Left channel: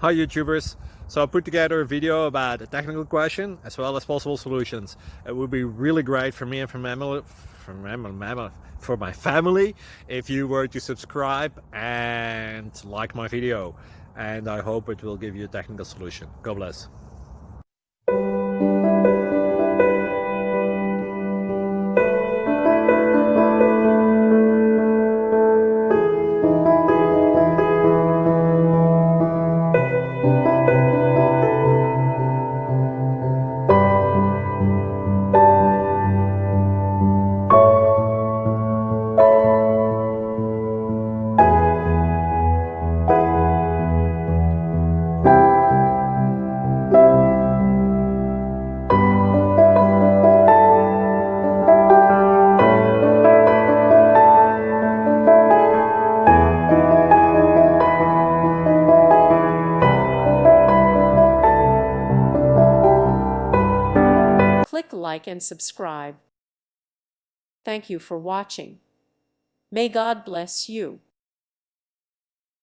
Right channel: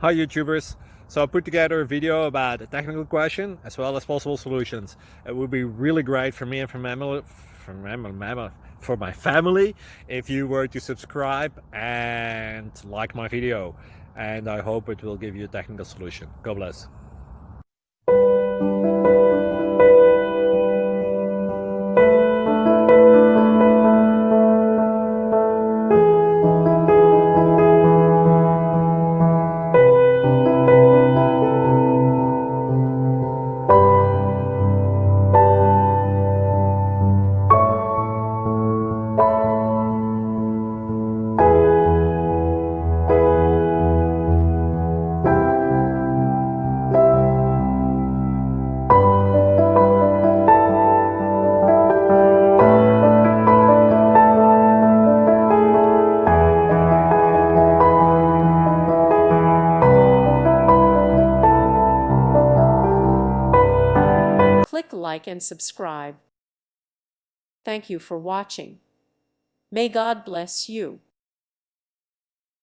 Hi YouTubers! So I put together a video about a technical question as well as possible solutions. It would be really great for me and for my family if you were to subscribe and like my video, and I hope it will give you a technical solution. God bless. Click like and subscribe. Thank you for watching. May God bless you.